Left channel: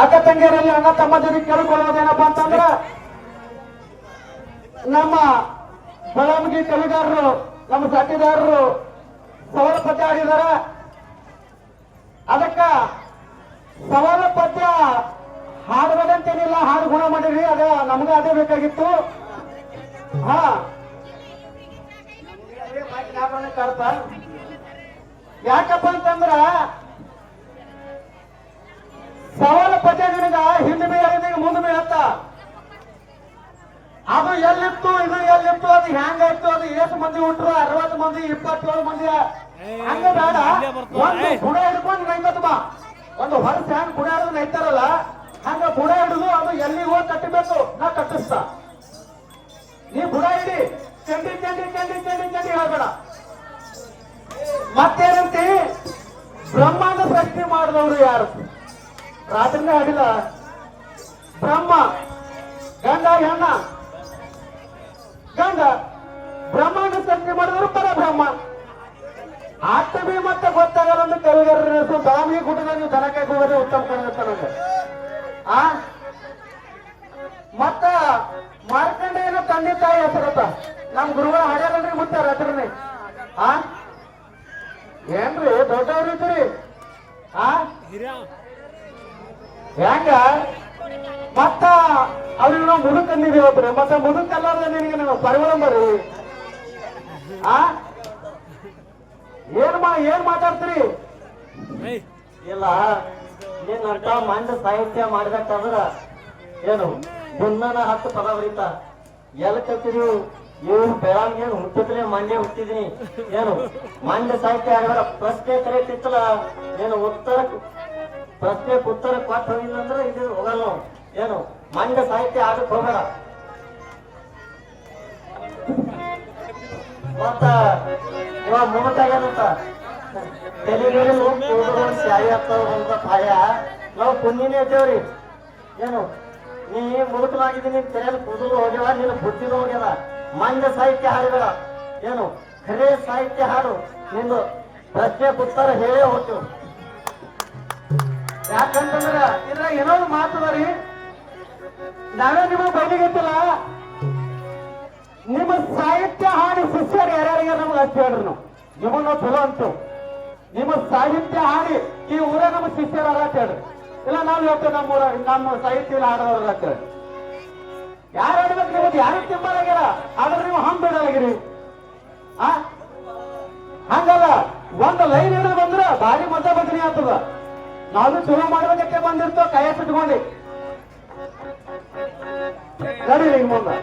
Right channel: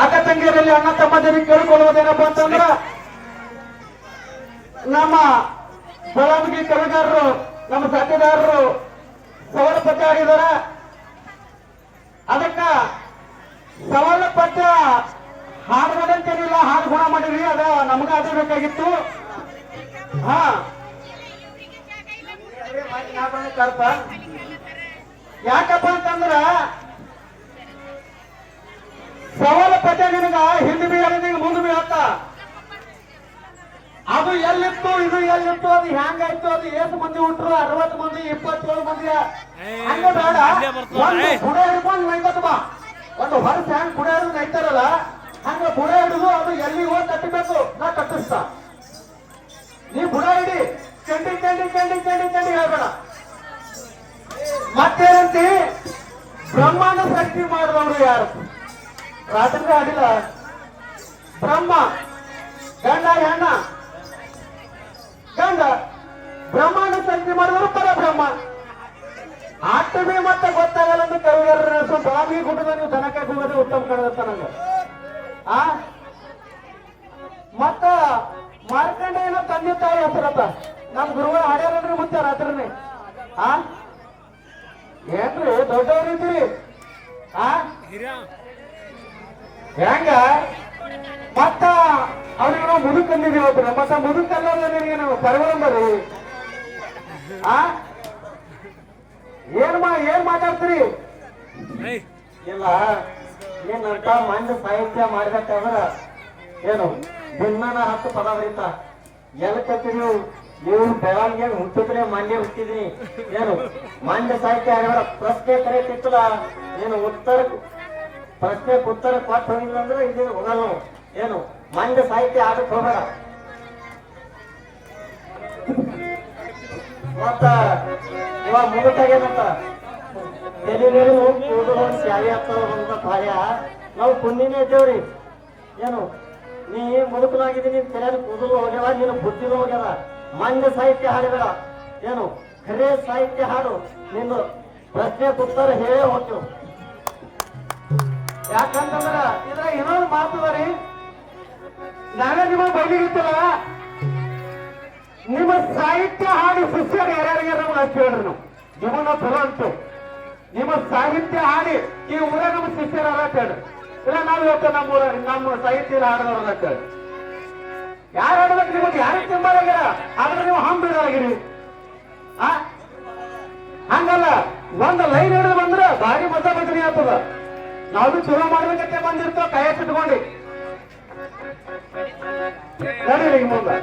ಅಕ್ಕ ತಂಗಿಯರಲ್ಲಿ ಅಣ್ಣ ತಮ್ಮದಿರಿಗೆ ಕೇಳಿಕೊಳ್ಳುವುದೇನಪ್ಪ ಅಂತಂದ್ರ ನಮ್ಮ ಬೆಳವಣಿಗೆ ಕವಿಗಾರರು ನಮ್ಮ ಸಾಧ್ಯದಾರರು ಸವಾಲ ಪದ್ಯ ಆಡಿದಾರ. ಅದಕ್ಕ ಸವಾಲ ಪದ್ಯ ಹಾಡುವುದಂತೇನಿಲ್ಲ, ಹಾಡು ಗುಣ ಮಾಡಿರಿ, ಅದ ನಮ್ಗ ಅದೇ ಬೇಕಾಗಿತ್ತು. ಹಾ ಯಾಕಪ್ಪ ಅಂತಂದ್ರ ಸವಾಲ ಪದ್ಯ ನಿನಗ ಹಿಂದೆ ಬಿ ಹೇಳಿದ ಮುಂದೆ ಬಿ ಹೇಳ್ತ. ಅದು ಎಲ್ಲಿತ್ತು ಇದು ಎಲ್ಲಿತ್ತು, ಅದು ಹೆಂಗಾಯ್ತು, ಅದು ಎಷ್ಟು ಮಂದಿ ಹುಟ್ಟರು, 60 ಮಂದಿ 27 ಮಂದಿ ಹಂಗ ಬೇಡ. ಬುಡ ಹಿಡ್ಕೊಂಡು ನೈತತ್ ಬಾ, ಒಂದು ವರ್ಷ ಹೆಂಗ್ ಬುಡ ಹಿಡಿದು ನೈತಾರಲ್ಲ ಹಂಗ ಬುಡ ಹಿಡಿದು ಅದು ಎಲ್ಲಿ ಹೋಗಿ ಕಟ್ಟಬೇಕು, ನಾ ಕಟ್ಟಿಸ್ತ. ನೀ ಬುಡ ಹಿಡಿ, ಚೆಂಡಿ ಚೆಂಡಿ ಚೆಂಡಿ ಚೆಂಡಿ ಚೆಂಡಿ ಹೇಳ್ಬೇಡ. ಮತ್ತೇನಂತಿ ಬ್ರಹ್ಮಾಂಡ ಸೃಷ್ಟಿ ಮಾಡಿದವರು ಯಾರು? ರಾತ್ರಿ ಆಡಿಲ್ಲ ಬ್ರಹ್ಮ, ಗಂಡ ಹೆಣ್ಣ, ಗಂಡ ಬ್ರಹ್ಮಾಂಡ ಸೃಷ್ಟಿ ಮಾಡಿದವರು ಪರಬ್ರಹ್ಮ. ಆಟವೇ ಮತ್ತೆ ಗೊತ್ತಾಗಲ್ಲ ಅಂತ ಕವಿಗಾರರು ಸ್ವಾಮಿ ಗುಡ್ಡ ನೀವು ದನಕ್ಕೆ ಹೋಗೋದು ಉತ್ತಮ ಕಾಣುತ್ತ ನಂಗೆ. ಮತ್ತ ಮಾರ್ಕಂಡೇಯನ ತಂದೆ ತಾಯಿ ಹೆಸರತ್ತ ನಮ್ಮ ಗುರುಗಳು ಹಾಡ್ಯಾರನ್ರಿ ಮುತ್ತ ರಾತ್ರಿನೇ. ಏನ್ರಿ ದೊಡ್ಡವ್ರಿದ್ದೀರಿ ಹೆಂಗ? ಮತ್ತ ಅವ್ರಿಗೆ ನಾವು ಮುದುಕ್ ಅಂದಿದ್ದೀವಿ. ಮತ್ತ ಮುದುಕಲ್ಲ ನಿನಗೆ ನಾವು ಸರ್ವರಂಬರಿ ಏನ್ ಮಾತಾಡ್ತೀರಿ? ಇಲ್ಲ ಏನಂತ ಮಂದಿ ಸಾಹಿತ್ಯ ಮಾಡ್ಬೇಕಾದ್ರ ಏನು ಜನ್ಮನ 10 ಪದ ಬರೀತ ಎಲ್ ಕತ್ತೀರಿ? ಇವ್ರು ಬೆಳಗ್ಗೆ ಹುಟ್ಟಿದ್ರೆ ಮಂಡ್ಯ ಹುಟ್ಟಿದೀನಿ. ಏನು ಮಂಡ್ಯ ಸಾಹಿತ್ಯ ಆಡಿದಾರ ಪ್ರಶ್ನೆ ಕರೆಯುತ್ತಿತ್ತಲ್ಲ, ಏನು ಪ್ರಶ್ನೆ ಉತ್ತರ ಕೊಟ್ಟು ಹೋಗಿಲ್ಲ ಅಂದ್ರೆ ಇದು ಹೋಗಲ್ಲ. ಏನು ಮಂಡ್ಯ ಸಾಹಿತ್ಯ ಆಡಕ್ ಹೋಗಲ್ಲ. ಮತ್ತ ಇವಾಗ ಮುಗುಟಾಗೇನಂತ ಪಾಯ ನಾವು ಕುಂದಿನೇ ಇದ್ದೇವ್ರಿ. ಏನು ನೀ ಮುಗುಟವಾಗಿದ್ದೀನಿ, ತೆರೆಯಲ್ಲಿ ಕೂದಲು ಹೋಗ್ಯಾವ, ನೀನು ಬುದ್ಧಿನೂ ಹೋಗ್ಯಾವ. ಮಂಡ್ಯ ಸಾಹಿತ್ಯ ಹಾಡುಗಳ ಏನು ಖರೇ ಸಾಹಿತ್ಯ ಹಾಡು, ನಿನ್ನ ಪ್ರಶ್ನೆ ಉತ್ತರ ಹೇಳೇ ಹೋಗ್ತೀವಿ. ಯಾಕಂತಂದ್ರ ಇದ್ರ ಇನ್ನೊಂದು ಮಾತುದಾರಿ, ನಾವೇ ನಿಮಗೆ ಬೈಲಿಗಿತ್ತಲ್ಲ, ನಿಮ್ಮ ಸಾಹಿತ್ಯ ಹಾಡಿ ಶಿಷ್ಯರು ಯಾರ್ಯಾರಿಗೆ ನಮ್ಗೆ ಅಷ್ಟು ಹೇಳ್ರಿ. ನಾವು ನಿಮ್ಮನ್ನ ಚಲೋ ಅಂತು, ನಿಮ್ಮ ಸಾಹಿತ್ಯ ಹಾಡಿ ಈ ಊರ ನಮ್ಮ ಶಿಷ್ಯರು ಅಂತ ಹೇಳ್ರಿ. ಇಲ್ಲ ನಾವು ಹೇಳ್ತೇವೆ ನಮ್ಮ ಊರ ನಮ್ಮ ಸಾಹಿತ್ಯ ಹಾಡೋರಲ್ಲ ಅಂತ ಹೇಳಿ. ಯಾರು ಆಡ್ಬೇಕು ನಿಮಗೆ ಯಾರಿಗೆ ತಿಂಬಾರಾಗ್ಯಾರ, ಆದ್ರೆ ನೀವು ಹಂಬಿಡಲಾಗಿರಿ. ಹಂಗಲ್ಲ, ಒಂದು ಲೈನ್ ಹಿಡಿದು ಬಂದ್ರೆ ಭಾರಿ ಮತ ಬದಲಿ ಆಗ್ತದ. ನಾವು ಚಲೋ ಮಾಡ್ಬೇಕಂತ ಬಂದಿರ್ತೋ ಕೈ ಇಟ್ಕೊಂಡು ನಡೀರಿ ಮುಂದೆ.